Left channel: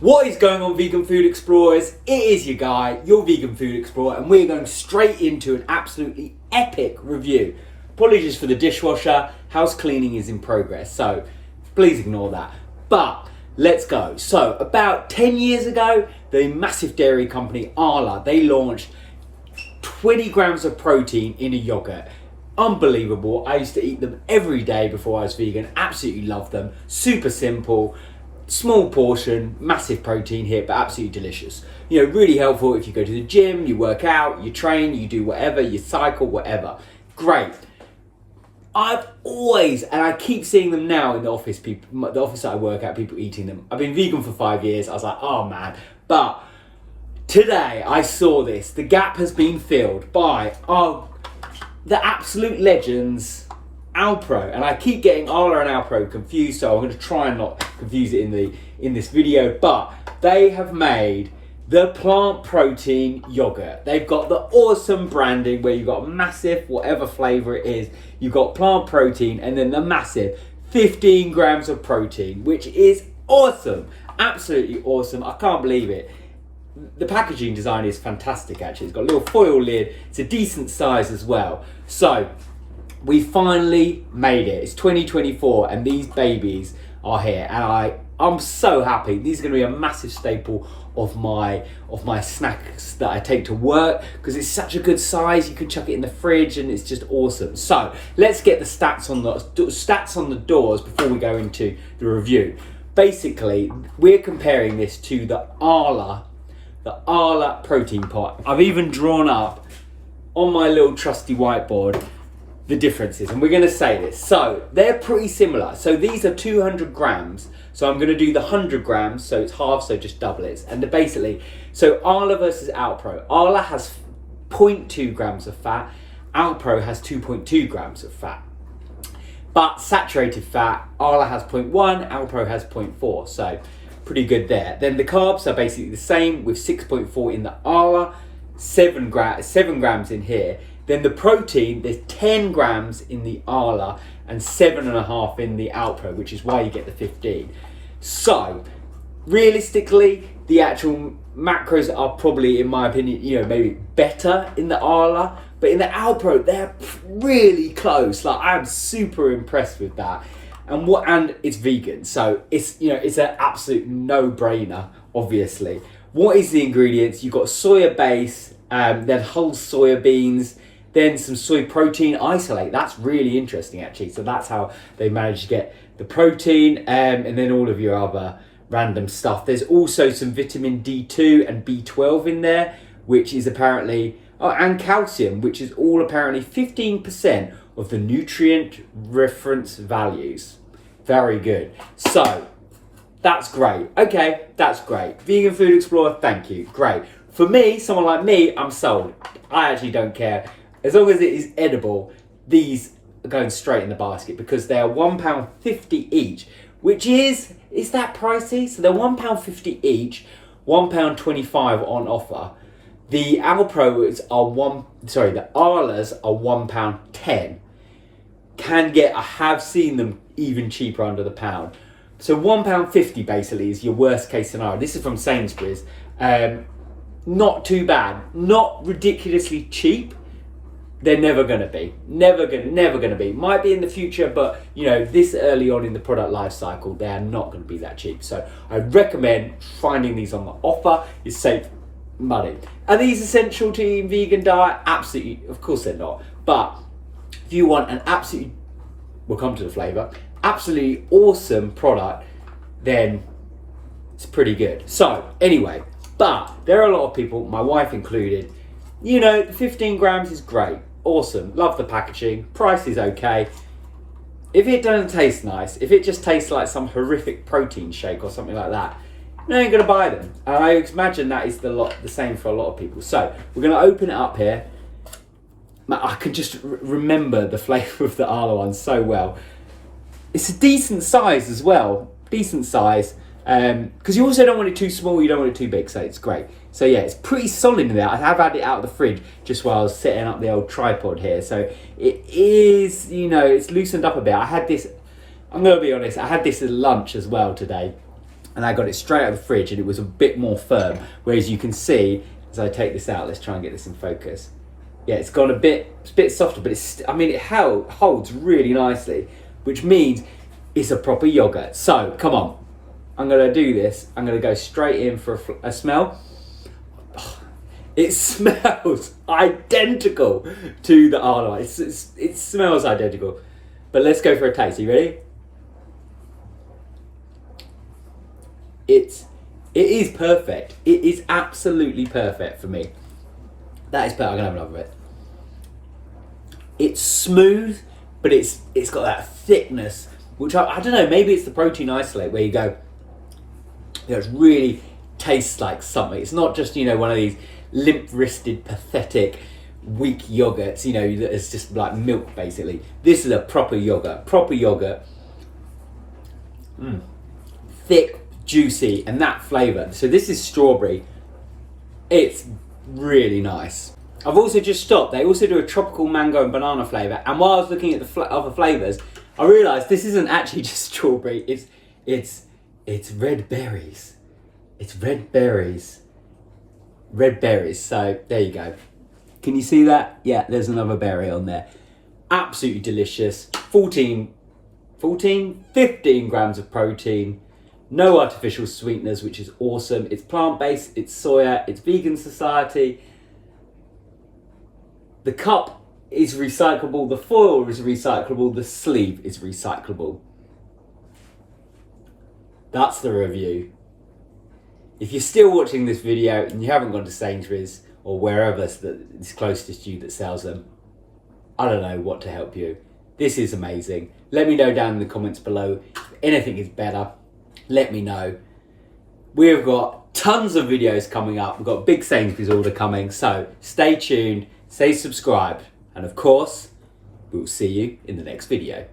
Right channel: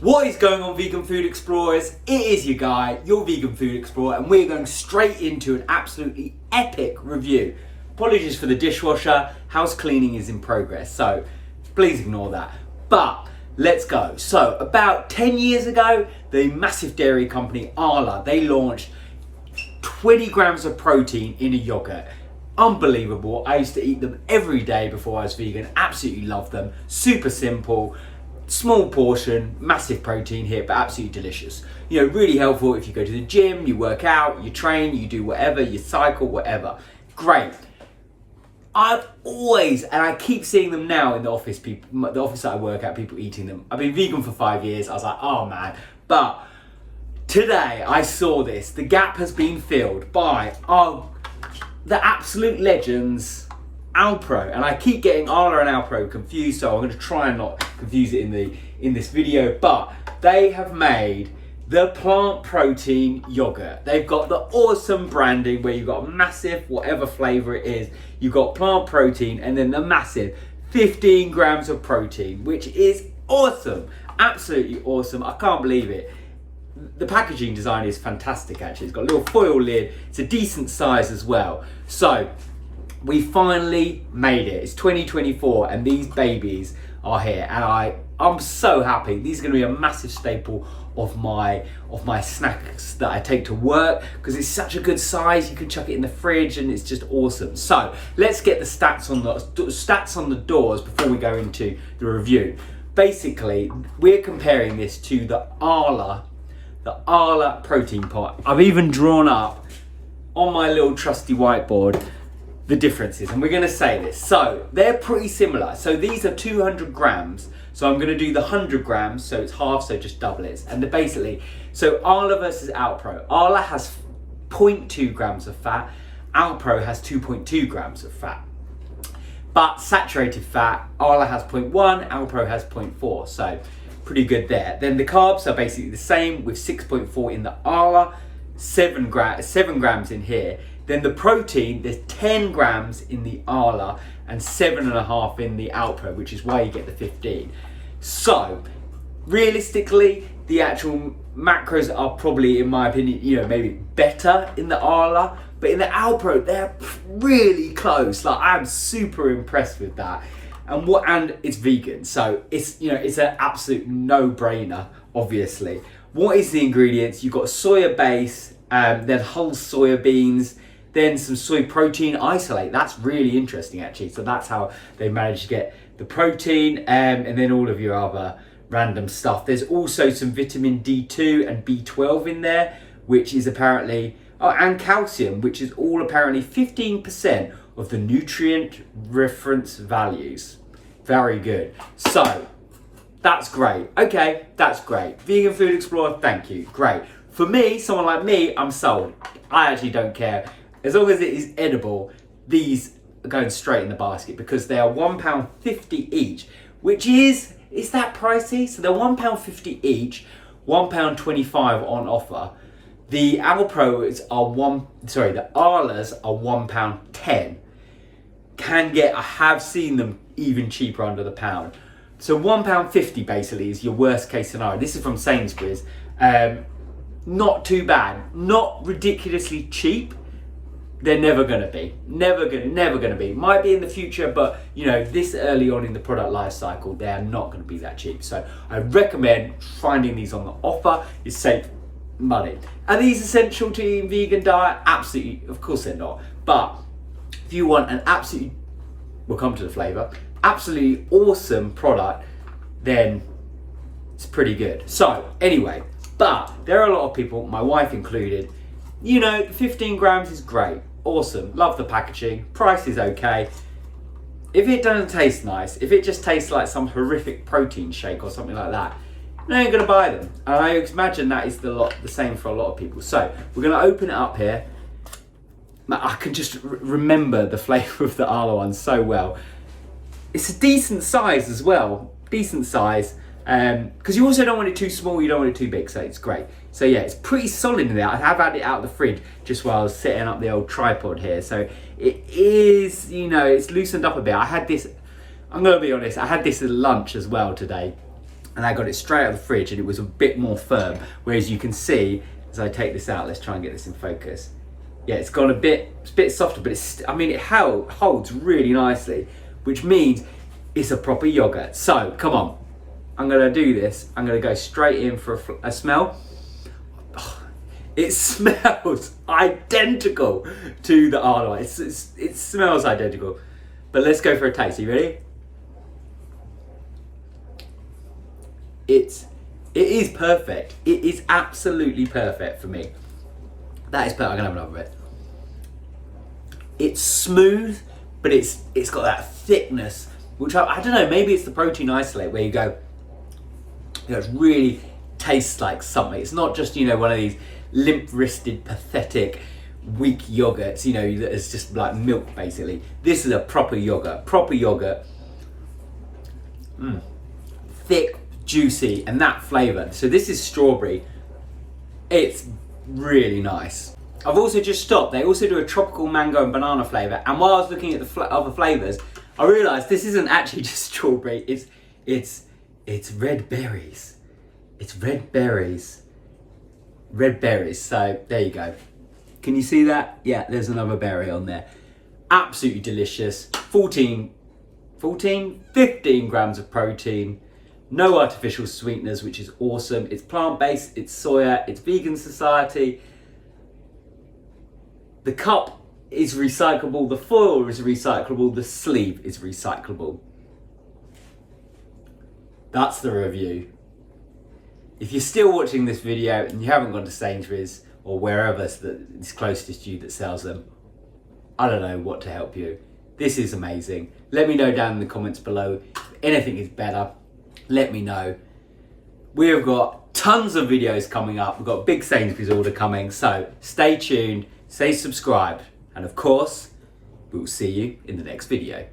What is going on, vegan food explorers? It is your guy, your vegan food explorer, and we're going straight into an absolutely epic review. Apologies for the dishwasher, house cleaning is in progress, so please ignore that. But let's go. So about 10 years ago, the massive dairy company Arla, they launched 20 grams of protein in a yogurt. Unbelievable. I used to eat them every day before I was vegan. Absolutely love them. Super simple. Small portion, massive protein here, but absolutely delicious. You know, really helpful if you go to the gym, you work out, you train, you do whatever, you cycle, whatever. Great. I've always, and I keep seeing them now in the office, people, the office that I work at, people eating them. I've been vegan for 5 years. I was like, oh man. But today I saw this. The gap has been filled by the absolute legends, Alpro, and I keep getting Arla and Alpro confused, so I'm going to try and not confuse it in this video. But they have made the plant protein yogurt. They've got the awesome branding where you've got massive, whatever flavor it is, you've got plant protein, and then the massive 15 grams of protein, which is awesome, absolutely awesome. I can't believe it. The packaging design is fantastic, actually. It's got a little foil lid. It's a decent size as well. So we finally made it. It's 2024 and these babies are here, and I'm so happy. These are going to be a massive staple of my snacks that I take to work because it's such a good size. You can chuck it in the fridge and it's just awesome. So let's get the stats on the doors before we go into the review. Basically, we're comparing this to the Arla protein pot. I've even drawn up on my little trusty whiteboard the differences, and we're going to say this. So they're pretty similar. So these are 200 grams. So I'm going to do the 100 grams. So it's half, so just double it. And they're basically, so Arla versus Alpro. Arla has 0.2 grams of fat. Alpro has 2.2 grams of fat. But saturated fat, Arla has 0.1, Alpro has 0.4. So pretty good there. Then the carbs are basically the same with 6.4 in the Arla, 7 grams in here. Then the protein, there's 10 grams in the Arla and 7.5 in the Alpro, which is why you get the 15. So realistically, the actual macros are probably, in my opinion, you know, maybe better in the Arla, but in the Alpro, they're really close. Like, I'm super impressed with that. And it's vegan, so it's, you know, it's an absolute no-brainer, obviously. What is the ingredients? You've got soya base, then whole soya beans, then some soy protein isolate. That's really interesting, actually. So that's how they managed to get the protein, and then all of your other random stuff. There's also some vitamin D2 and B12 in there, which is apparently, and calcium, which is all apparently 15% of the nutrient reference values. Very good. So that's great. Okay, that's great. Vegan Food Explorer, thank you. Great. For me, someone like me, I'm sold. I actually don't care. As long as it is edible, these are going straight in the basket because they are £1.50 each, which is that pricey? So they're £1.50 each, £1.25 on offer. The Alpros are the Arlas are £1.10. I have seen them even cheaper under the pound. So £1.50 basically is your worst case scenario. This is from Sainsbury's. Not too bad. Not ridiculously cheap. They're never going to be. Never going to be. Might be in the future, but you know, this early on in the product life cycle, they are not going to be that cheap. So I recommend finding these on the offer. It's save money. Are these essential to eating vegan diet? Absolutely. Of course they're not. But if you want an absolutely, we'll come to the flavour, absolutely awesome product, then it's pretty good. So anyway, but there are a lot of people, my wife included, you know, 15 grams is great. Awesome. Love the packaging. Price is okay. If it doesn't taste nice, if it just tastes like some horrific protein shake or something like that, you ain't going to buy them. And I imagine that is the same for a lot of people. So we're going to open it up here. I can just remember the flavour of the Arla one so well. It's a decent size as well. Decent size. Because you also don't want it too small, you don't want it too big, so it's great. So yeah, it's pretty solid in there. I have had it out of the fridge just while I was setting up the old tripod here. So it is, you know, it's loosened up a bit. I had this, I'm going to be honest, I had this at lunch as well today. and I got it straight out of the fridge and it was a bit more firm. Whereas you can see, as I take this out, let's try and get this in focus. Yeah, it's gone it's a bit softer, but it holds really nicely, which means it's a proper yogurt. So, come on, I'm gonna do this. I'm gonna go straight in for a smell. Oh, it smells identical to the Arnold. It smells identical. But let's go for a taste. Are you ready? It is perfect. It is absolutely perfect for me. That is perfect. I'm gonna have another bit. It's smooth, but it's got that thickness, which I don't know, maybe it's the protein isolate where you go, it really tastes like something. It's not just, one of these limp-wristed, pathetic, weak yogurts, that is just like milk basically. This is a proper yogurt. Thick, juicy, and that flavour. So this is strawberry. It's really nice. I've also just stopped. They also do a tropical mango and banana flavour, and while I was looking at the other flavours, I realised this isn't actually just strawberry. It's red berries. It's red berries. Red berries. So there you go. Can you see that? Yeah, there's another berry on there. Absolutely delicious. 15 grams of protein. No artificial sweeteners, which is awesome. It's plant-based, it's soya, it's vegan society. The cup is recyclable, the foil is recyclable, the sleeve is recyclable. That's the review. If you're still watching this video and you haven't gone to Sainsbury's or wherever is closest to you that sells them, I don't know what to help you. This is amazing. Let me know down in the comments below if anything is better. Let me know. We've got tons of videos coming up. We've got a big Sainsbury's order coming, so stay tuned, stay subscribed, and of course, we'll see you in the next video.